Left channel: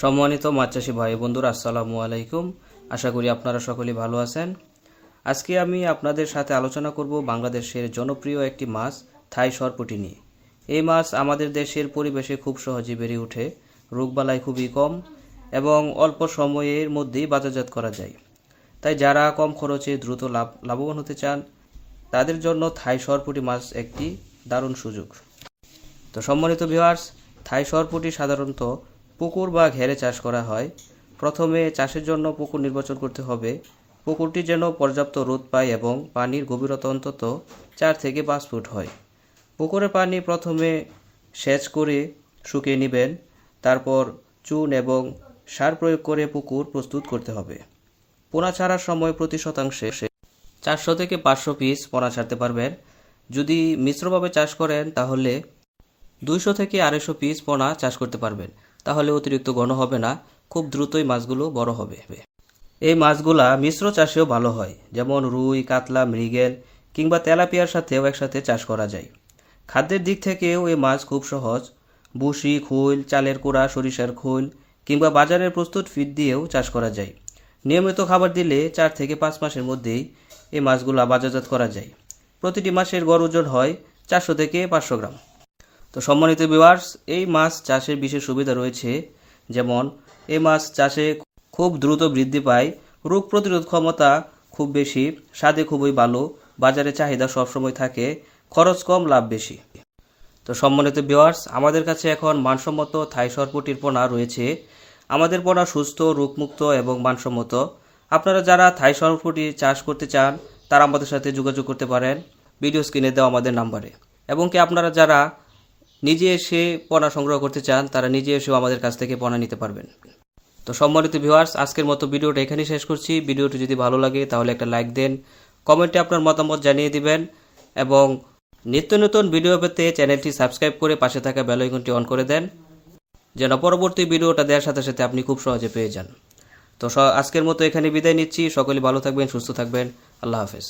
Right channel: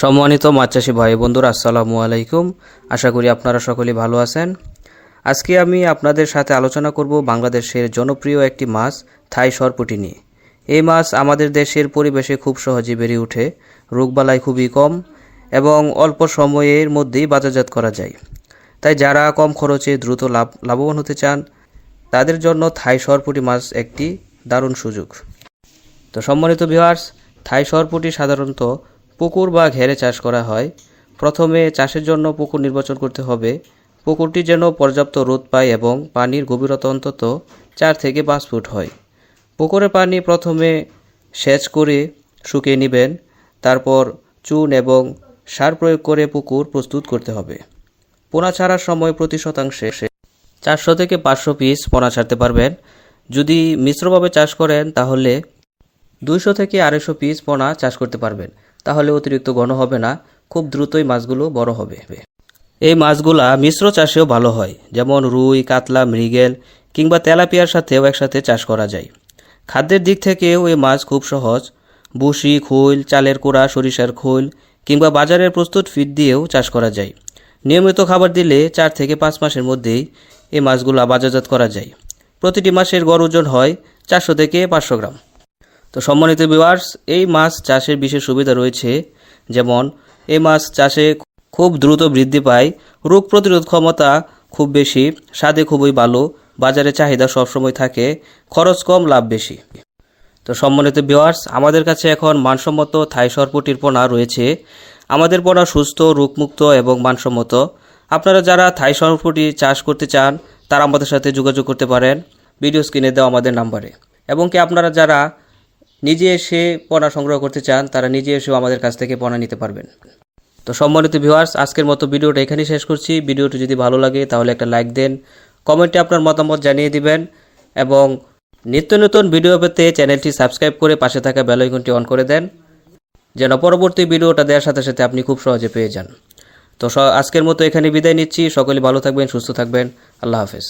সম্মানিত মাছ চাষি ভাই বন্ধুরা, আসসালামু আলাইকুম। আশা করি আপনারা সকলেই ভালো আছেন। আজকে আমি আপনাদের সাথে আলোচনা করব বাংলাদেশের জনপ্রিয় একটি মাছ থাই সরপুঁটি নিয়ে। এই মাছ আমাদের দেশের পরিবেশে খুব সহজে বেড়ে ওঠে, রোগবালাই খুবই কম এবং অল্প সময়ের মধ্যেই বাজারজাত করা যায়। তাই যারা কম খরচে দ্রুত লাভবান হতে চান তাদের জন্য থাই সরপুঁটি মাছ একটি দারুণ সুযোগ। তো সম্মানিত ভিউয়ার্স, থাই সরপুঁটি সাধারণত পুকুর বা ঘেরে চাষ করা হয়। প্রথমে চাষের জন্য পুকুর নির্বাচন করতে হবে। পুকুরটি যেন পর্যাপ্ত রোদ পায় এবং পানির গভীরতা অন্তত 4 থেকে 5 ফুট হয়। পুকুরের পানি প্রথমে সেচ করে শুকিয়ে নেবেন, তারপর চুন এবং সার প্রয়োগ করে পুকুর প্রস্তুত করতে হবে। পোনা ছাড়ার সময় প্রতি শতাংশে 400 থেকে 500 পিস পোনা ছাড়তে পারবেন। যদি মিশ্রভাবে চাষ করেন তাহলে 200 থেকে 250 পিস পোনা চাষ করতে পারবেন। তাহলে অতিরিক্ত ঘন হবে না, খুব দ্রুতই মাছগুলো বড় হবে। এই মাছগুলা মিশ্র চাষেও ভালো হয়, যেমন রুই, কাতলা, মৃগেল কিংবা তেলাপিয়ার সাথেও একসাথে চাষ করা যায়। খাদ্যের দিক থেকেও এই মাছ খুব সহজ। ভুসি, খৈল, চালের কোড়া, সরিষার খৈল কিংবা বাজারের প্রস্তুত ফিড দিয়েও চাষ করা যায়। নিয়মিত খাবার দিলে 4 থেকে 5 মাসের মধ্যেই এই মাছগুলা বাজারজাত করা যায়। প্রতিটি মাসের গড় ওজন হয় 400 থেকে 500 গ্রাম। তো সম্মানিত ভিউয়ার্স, এই মাছ চাষের বিশেষ সুবিধা রয়েছে, যেমন এই মাছ চাষে খুব দ্রুত বৃদ্ধি পায়, রোগ প্রতিরোধ ক্ষমতা খুব বেশি, স্বাদে খুবই ভালো, বাজারে চাহিদা সবসময় থাকে, খরচ কম, লাভ বেশি। তো সম্মানিত ভিউয়ার্স, আমাদের কাছে এখন মানসম্মত থাই সরপুঁটির পোনা রয়েছে। আমাদের পোনা সুস্থ, রোগমুক্ত এবং মানসম্মত। আপনারা যারা থাই সরপুঁটি চাষ করতে চান তারা আমাদের সাথে যোগাযোগ করতে পারেন ভিডিও স্ক্রিনে দেওয়া আমাদের নাম্বারে। এবং কি আপনারা যারা নিজে এসে পোনা সংগ্রহ করতে চান তারা নিজে এসেও আমাদের কাছ থেকে পোনা নিতে পারবেন। তো সম্মানিত ভিউয়ার্স, আজকের মতো ভিডিওটা এখানেই শেষ করছি। ভিডিওটি যদি ভালো লাগে তাহলে একটা লাইক দেন, কমেন্টে আপনার মতামত জানিয়ে দিবেন এবং নিত্য নতুন ভিডিও পেতে চ্যানেলটি সাবস্ক্রাইব করে পাশে থাকা বেল আইকনটি অন করে দেন, যেন পরবর্তী ভিডিওটা দেওয়ার সাথে সাথে আপনি খুব সহজে পেয়ে যান। তো আজকের মতো এখানে বিদায় নিচ্ছি। সকলে ভালো থাকবেন, সুস্থ থাকবেন। আল্লাহ হাফেজ।